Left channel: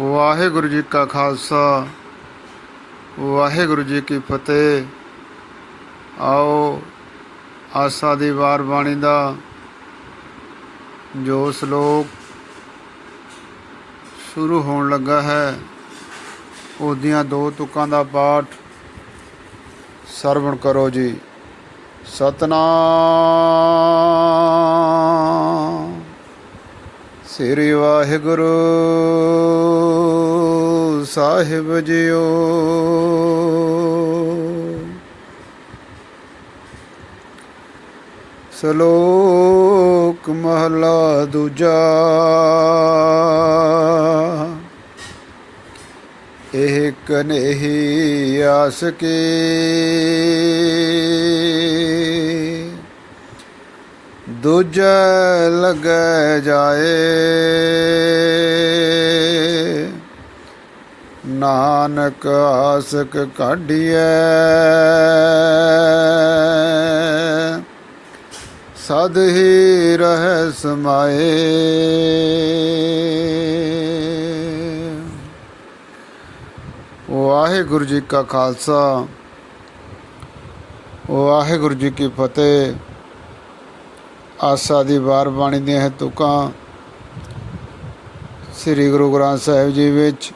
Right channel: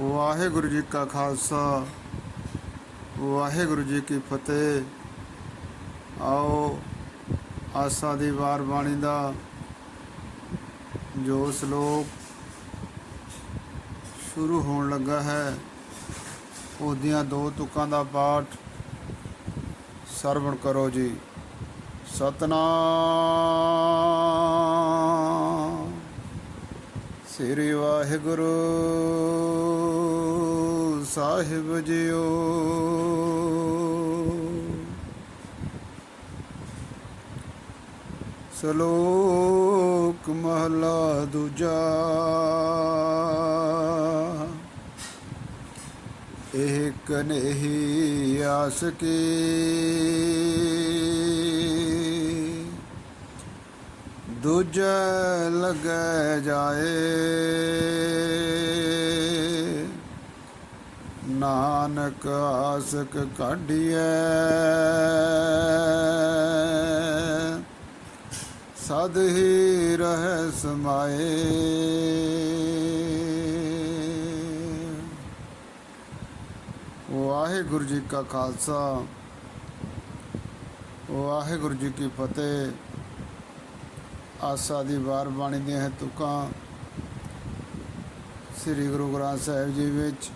ਵਾਹਿਗੁਰੂ ਜੀ ਕਾ ਖਾਲਸਾ, ਵਾਹਿਗੁਰੂ ਜੀ ਕੀ ਫਤਿਹ। ਆਓ, ਆਸਾ ਦੀ ਵਾਰ ਬਾਣੀ ਦਾ ਜੋ ਸ਼ਲੋਕ ਸ਼ੁਰੂ ਹੋਣ ਲੱਗਾ ਹੈ, ਉਹਦੀਆਂ ਦੋ ਤੁਕਾਂ ਦਾ ਪਾਠ ਸਰਵਣ ਕਰੋ ਜੀ। ਸਤਨਾਮ। ਸ੍ਰੀ ਵਾਹਿਗੁਰੂ। ਸਾਹਿਬ ਜੀਓ। ਸ਼ਲੋਕ ਮਹਲਾ ਦੂਜਾ। ਇਹ ਕਨੇਹੀ ਆਸ ਕੀ। ਦੂਜਾ ਲਗ ਜਾਏ। ਨਾਨਕ ਆਸਕ ਕਾਢੀਐ। ਸਦ ਹੀ ਰਹਿ ਸਮਾਏ। ਵਾਹਿਗੁਰੂ ਜੀ ਕਾ ਖਾਲਸਾ, ਵਾਹਿਗੁਰੂ ਜੀ ਕੀ ਫਤਿਹ। ਆਸਾ ਦੀ ਵਾਰ ਬਾਣੀ ਦੀਆਂ ਤੁਕਾਂ ਸ੍ਰੀ ਗੁਰੂ ਗ੍ਰੰਥ ਸਾਹਿਬ ਜੀ ਵਿੱਚ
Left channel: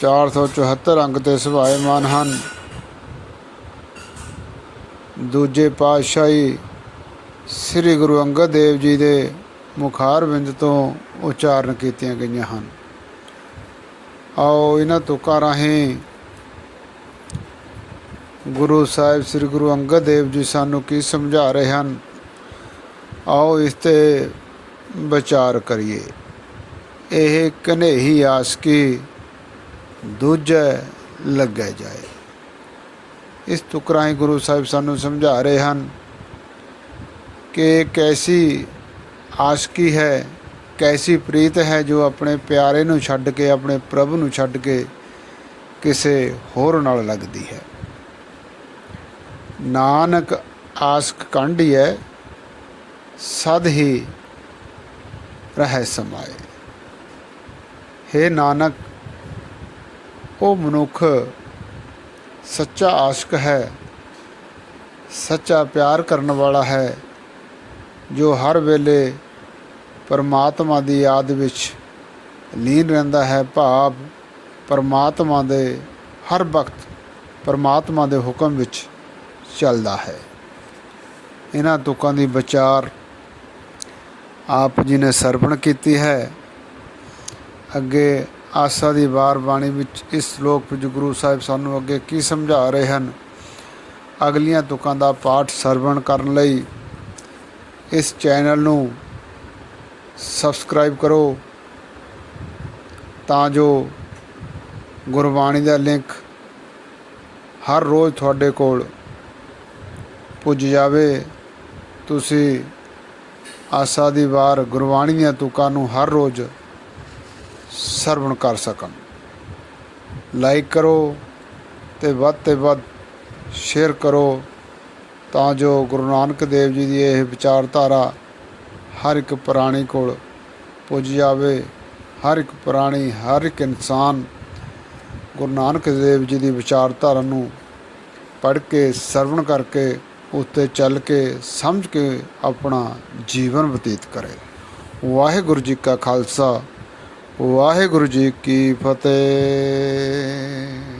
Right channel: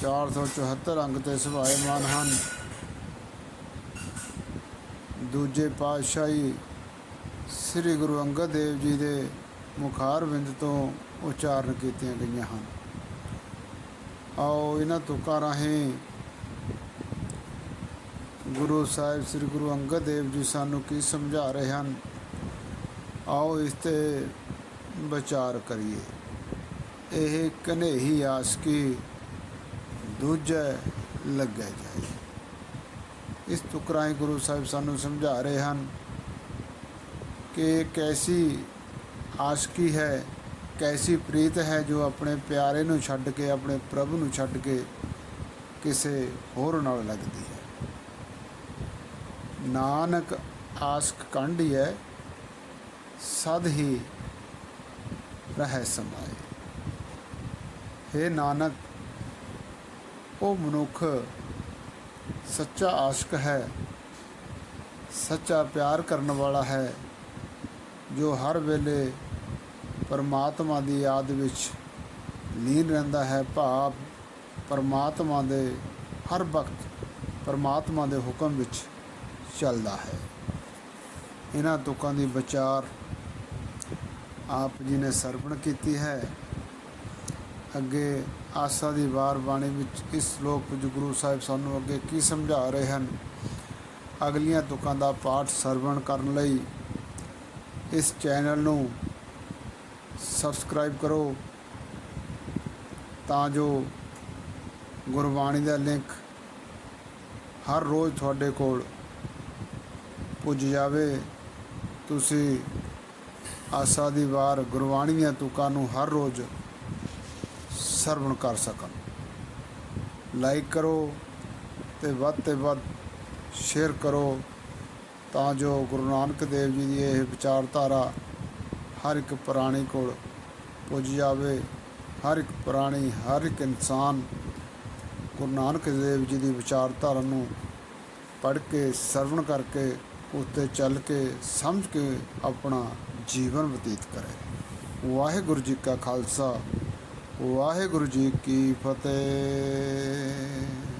474 ਅੰਗ ਤੇ ਸੁਭਾਏਮਾਨ ਹਨ। ਦੂਜੇ ਪਾਤਸ਼ਾਹੀ ਸ੍ਰੀ ਗੁਰੂ ਅੰਗਦ ਦੇਵ ਜੀ ਦੇ ਮੁਖਾਰ ਬਿੰਦ ਤੋਂ ਉਚਾਰਨ ਕੀਤੀਆਂ ਗਈਆਂ ਹਨ। ਆਓ ਇਹਨਾਂ ਤੁਕਾਂ ਰਾਹੀਂ ਗੁਰੂ ਸਾਹਿਬ ਸ੍ਰੀ ਗੁਰੂ ਅੰਗਦ ਦੇਵ ਜੀ ਸਾਨੂੰ ਕੀ ਸਮਝਾ ਰਹੇ ਹਨ, ਆਓ ਇਸ ਤੇ ਵਿਚਾਰ ਕਰੀਏ। ਇਹ ਕਨੇਹੀ ਆਸਕੀ ਦੂਜੇ ਲੱਗੇ ਜਾਏ। ਇਸ ਤੁਕਰਾਂ ਗੁਰੂ ਸਾਹਿਬ ਸਾਨੂੰ ਸਮਝਾ ਰਹੇ ਹਨ ਕਿ ਕੈਸੀ ਆਸ਼ਕੀ ਹੈ, ਕੈਸੀ ਪ੍ਰੀਤ ਹੈ ਜੋ ਆਪਣੇ ਪਿਆਰੇ ਨੂੰ ਛੱਡ ਕੇ, ਆਪਣੇ ਪ੍ਰਭ ਨੂੰ ਛੱਡ ਕੇ ਕਿਸੇ ਹੋਰ ਨਾਲ ਲੱਗਦੀ ਹੈ। ਨਾਨਕ ਆਸਕ ਕੰਢੀ ਹੈ, ਸਦ ਹੀ ਰਹਿ ਸਮਾਏ। ਹੈ ਨਾਨਕ ਉਹ ਮਨੁੱਖ ਸੱਚਾ ਆਸ਼ਕ ਹੈ, ਸੱਚਾ ਪਿਆਰ ਕਰਨ ਵਾਲਾ ਹੈ, ਜੋ ਹਰ ਵੇਲੇ ਪਰਮਾਤਮਾ ਦੀ ਯਾਦ ਵਿੱਚ ਲੀਨ ਰਹਿੰਦਾ ਹੈ। ਭਾਵ ਪਰਮਾਤਮਾ ਦੇ ਹਰ ਵਕਤ ਪਰਮਾਤਮਾ ਦੇ ਹੁਕਮ ਵਿੱਚ ਚੱਲਦਾ ਹੈ। ਇਹਨਾਂ ਤੁਕਾਂ ਦੀ ਵਿਚਾਰ ਆਪ ਜੀ ਨੇ ਸਰਵਣ ਕੀਤੀ ਹੈ। ਅੱਗੇ ਆਸਾ ਦੀ ਵਾਰ ਬਾਣੀ ਵਿੱਚ ਇਸ ਸ਼ਲੋਕ ਵਿੱਚ ਗੁਰੂ ਸਾਹਿਬ ਸਾਨੂੰ ਅੱਗੇ ਕੀ ਸਮਝਾ ਰਹੇ ਹਨ? ਅਗਲੀਆਂ ਤੁਕਾਂ ਦਾ ਪਾਠ ਸਰਵਣ ਕਰਨ ਲਈ ਇਸ ਚੈਨਲ ਨੂੰ ਸਬਸਕ੍ਰਾਈਬ ਕਰੋ ਤਾਂ ਜੋ ਗੁਰਬਾਣੀ ਦਾ ਲਿੰਕ ਹਰ ਰੋਜ਼ ਤੁਹਾਡੇ ਕੋਲ ਪੁੱਜ ਜਾਵੇ। ਤੁਸੀਂ ਆਸਾ ਦੀ ਵਾਰ ਗੁਰਬਾਣੀ ਦੀਆਂ ਤੁਕਾਂ ਨੂੰ ਹਰ ਰੋਜ਼ ਸਰਵਣ ਕਰ ਸਕਣ। ਲਾਈਕ ਕਰੋ ਤੇ ਵੱਧ ਤੇ ਵੱਧ ਸ਼ੇਅਰ ਕਰੋ ਤਾਂ ਜੋ ਗੁਰੂ ਨਾਨਕ ਦੇਵ ਜੀ ਦੀ ਇਹ ਵਿਚਾਰਧਾਰਾ ਹਰ ਇੱਕ ਪ੍ਰਾਣੀ ਕੋਲ ਪੁੱਜ ਜਾਵੇ, ਹਰ ਇੱਕ ਪ੍ਰਾਣੀ, ਹਰ ਇੱਕ ਇਨਸਾਨ ਗੁਰੂ ਨਾਨਕ ਦੇਵ ਜੀ ਦੀ ਵਿਚਾਰਧਾਰਾ ਨੂੰ ਪੜ੍ਹ ਕੇ, ਸਰਵਣ ਕਰਕੇ, ਉੱਤੇ ਚੱਲ ਕੇ, ਸਮਝ ਕੇ ਆਪਣਾ ਜੀਵਨ ਬਤੀਤ ਕਰੇ। ਵਾਹਿਗੁਰੂ ਜੀ ਕਾ ਖਾਲਸਾ ਵਾਹਿਗੁਰੂ ਜੀ ਕੀ ਫਤਿਹ।